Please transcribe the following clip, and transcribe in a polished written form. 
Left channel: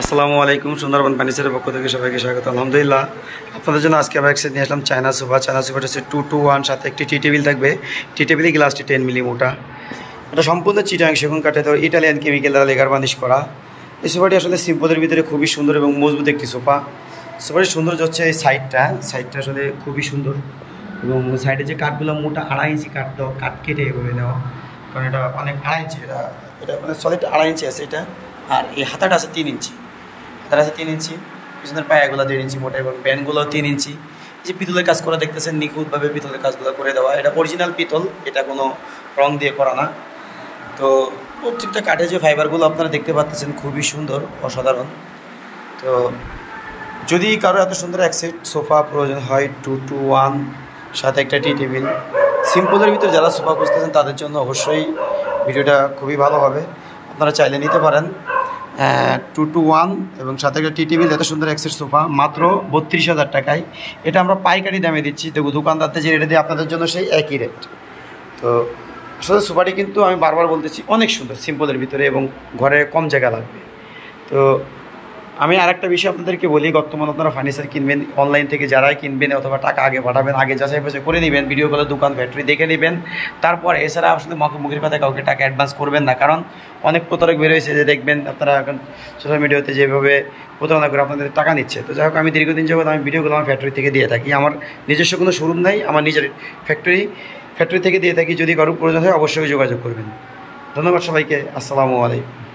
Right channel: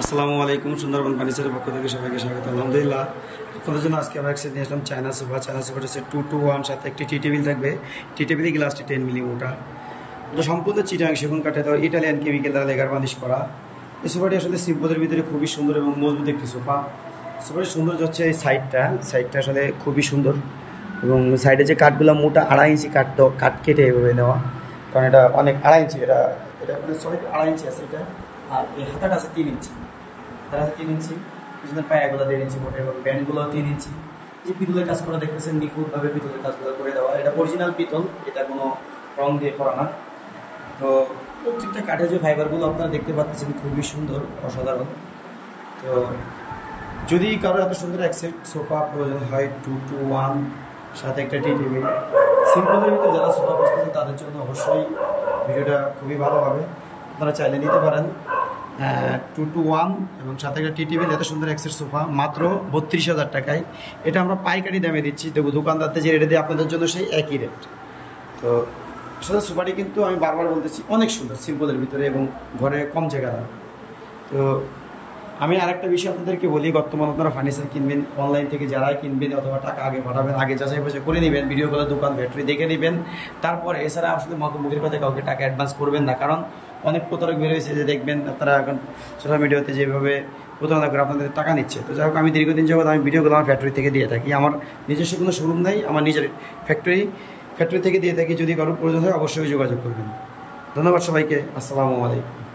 আসসালামু আলাইকুম। সুন্দরবন ফার্নিচারের পক্ষ থেকে সবাইকে স্বাগত। আলহামদুলিল্লাহ, আপনাদের জন্য আজকে আবার একসাথে নিয়ে আসলাম চায়না সোফা। চায়না সোফাটা হচ্ছে 2-2-1, সাথে একটি টি টেবিল থাকবে। টি টেবিলে গ্লাসটি 10 মিলি মোটা। এটা সম্পূর্ণ চিটাং সেগুন কাঠে দেওয়া ইটালিয়ান কেমিক্যাল দ্বারা লেগার বার্নিশ করা। এই সোফাটি আসলে সিম্পলের ভিতরে খুবই সুন্দর এবং মজবুত একটি সোফা। সোফাটির সৌন্দর্য হচ্ছে এই সাইডটা আসলে খুবই সুন্দর, এবং সাইডে যে কাঠগুলো মোটা 2.5 ইঞ্চি কাঠ কেটে এভাবে নেওয়া, কারণ এটা অনেক 2.5 ইঞ্চি, এটা মানে সলিড 2.5 ইঞ্চি আছে এটা। আর এই হাতাটা আছে 3 ইঞ্চি, হাতাটা আছে 3 ইঞ্চি, পিছনের পায়াগুলো 1.5 ইঞ্চি মোটা, এবং ব্যান্ডগুলো 3 ইঞ্চি। যে পিতলের কাজ করা দেখতেছেন, নিখুঁতভাবে পিতলের কাজগুলো করে দেওয়া। এটা অরিজিনাল পিতল, এটা কোনো রং দিয়ে করা না। তো প্রত্যেকটা কাঠে যে ফাইবারগুলো আপনারা দেখতে পাচ্ছেন খুবই সুন্দর, অসাধারণ। তো যদি কারো এত সুন্দর এক সেট সোফা প্রয়োজন হয় 2-2-1, সাথে একটা টি টেবিল, সিম্পলের ভিতরে যারা সোফা খুঁজতেছেন তাদের জন্য অবশ্যই ভিডিওটা খুবই ভালো হবে। আপনারা চাইলে নিতে পারেন 2-2-1 এবং সাথে একটা টি টেবিল, এত সুন্দর এক সেট সোফা মাত্র 32,000 টাকায়। এটা আমরা পাইকারি দামে দিচ্ছি। দেখো দোকানদারদের যে রেটে দিয়ে আপনাদের জন্য সেই একই রেট। তো আসলে সোফাটি কিন্তু আমি বারবার বলতেছি অনেক সুন্দর সিম্পলের ভিতরে, এবং ঘরে কম জায়গা লাগবে। তো আমি আরেকটা বিষয় আপনাদেরকে বলি, বর্তমানে আপনারা ফার্নিচার কিনবেন অনলাইন থেকে, যারাই কিনবেন অথবা টাকা আগে পাঠাবেন, আগে যাচাই বাছাই করে নেবেন, ভিডিও কলে দোকান ফ্যাক্টরি দেখে নেবেন। তারপর এছাড়া আসলে মুখের কথা কাউকে টাকা অ্যাডভান্স করবেন না, কারণ অনেক প্রতারক বের হয়েছে যে দেখবেন আপনারা এখন সোশ্যাল মিডিয়াতে যেভাবে প্রতারণা করে আপনাদের টাকা নিচ্ছে। তো যাই হোক, আমি দীর্ঘদিন যাবত আমি ভিডিওগুলো আমার ফ্যাক্টরি থেকে দিয়ে থাকি। আমার নিজস্ব কোনো শোরুম নেই, আমার নিজের ফ্যাক্টরি থেকে দিয়ে থাকি। যদি কারো প্রয়োজন হয় অবশ্যই যোগাযোগ করবেন। ধন্যবাদ সবাইকে। আসসালামু আলাইকুম।